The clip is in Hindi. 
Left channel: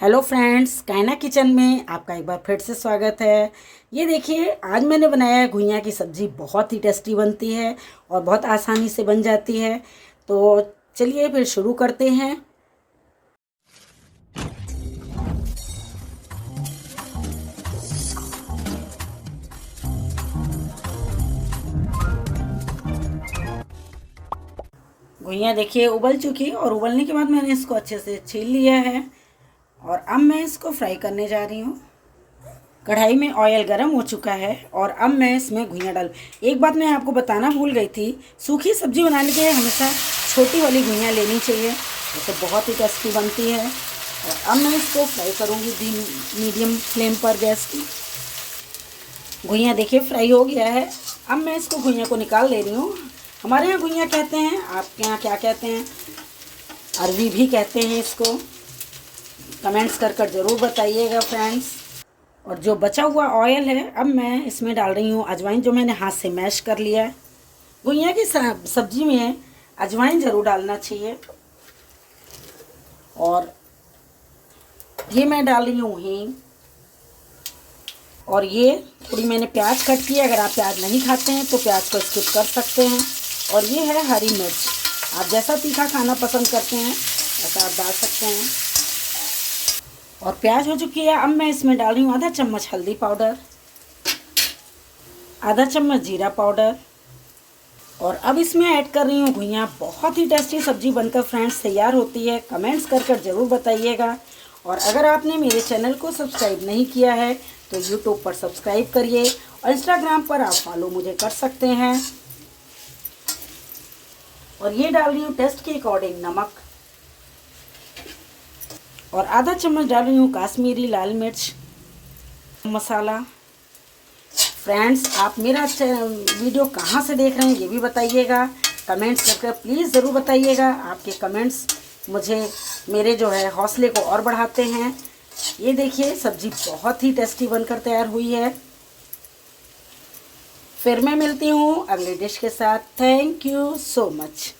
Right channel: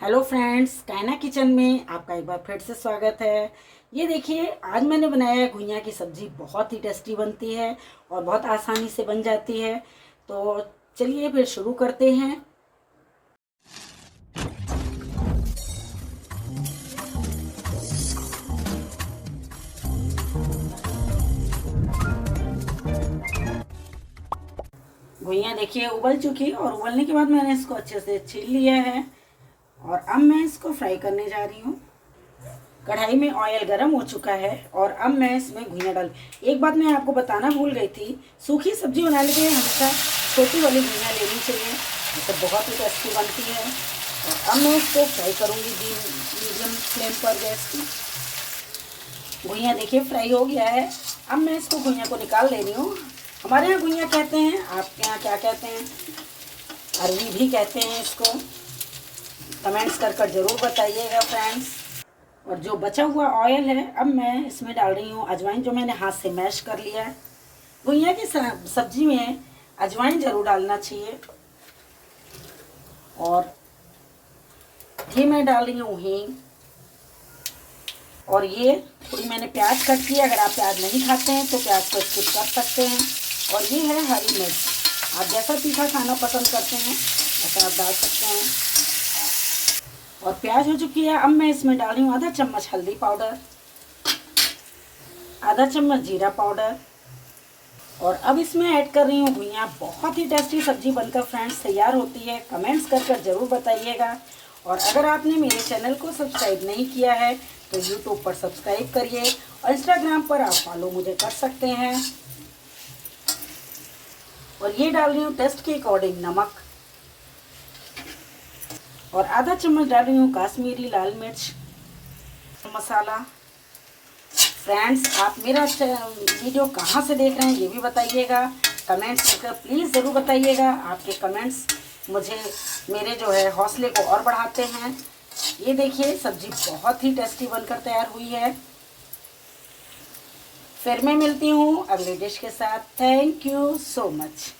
हेलो फ्रेंड्स, कायना किचन में आपका एक बार फिर से स्वागत है। ये देखिए, आज मैंने बनाया है घुइयाँ की सब्ज़ी। बहुत ही टेस्टी बनती है और बहुत आसानी से बन जाती है। तो चलिए फिर शुरू करते हैं। घुइयाँ देखिए उबल चुकी, और उबलने के बाद मैंने इसको अच्छे से छील लिया है और अब मैं इसको फ्राई करने जा रही हूँ। कढ़ाई में ऑयल गरम हो चुका है और अब मैं इसमें घुइयाँ डाल। एक बात मैं आपको बताना भूल गई थी, सूखी सब्जी बनाने के लिए हमेशा छोटी वाली घुइयाँ लेनी चाहिए, इससे बहुत ही टेस्टी बनती है। और अब मैं इसको फ्राई करूँगी मीडियम फ्लेम पर गैस की। घुइयाँ देखिए फ्राई हो गया है। अब मैं इसको घुइयाँ को निकाल ले रही हूँ। हमारे यहाँ घुइयाँ कहते हैं, आपके यहाँ क्या कहते हैं? अरवी भी कहते हैं इसको। कमेंट्स कर ज़रूर बताइएगा फ्रेंड्स। और जो बचा हुआ ऑयल है, अब मैं इसमें डाल रही हूँ अजवाइन, जो मैंने हाथ से मैश कर लिया है। घुइयाँ की सब्जी में अजवाइन ज़रूर डालना चाहिए। और ये मैं डाल रही हूँ हींग। और ये थोड़ी मैंने प्याज कट की है, अगर आप प्याज नहीं खाते हैं तो प्याज को स्किप कर सकते हैं। और ये है हरी मिर्च, आप जैसा तीखा खाना पसंद करते हैं वैसा आप डाल सकते हैं। और प्याज हो चुकी है। अब मैं इसमें डाल रही हूँ आधा चम्मच हल्दी पाउडर, आधा चम्मच जीरा पाउडर। और अब इसमें ऐड कर रही हूँ घुइयाँ। बहुत ही टेस्टी सब्जी बनकर फ्रेंड्स तैयार होती है। कमेंट्स कर ज़रूर बताइएगा। और अगर आपने मेरे चैनल को सब्सक्राइब नहीं किया है तो यूट्यूब पर सब्सक्राइब करिए और इंस्टाग्राम पर आप फॉलो मुझे कर सकते हैं। और ये डाल रही हूँ टेस्ट के अकॉर्डिंग नमक, और आधा चम्मच डाल रही हूँ काश्मीरी लाल मिर्च मसाला। फ्रेंड्स, आप मेरा वीडियो कहाँ से देख रहे हैं ये भी बताइएगा। कमेंट्स करके प्लीज़ ज़रूर बताइएगा। आपके कमेंट्स मुझे मेरे जो है हौसले को और बढ़ाते हैं। ये देखिए सब्जी बहुत ही टेस्टी बनकर तैयार हुई है। फिर मैं मिलती हूँ अगले डिश के साथ। Thank you so much.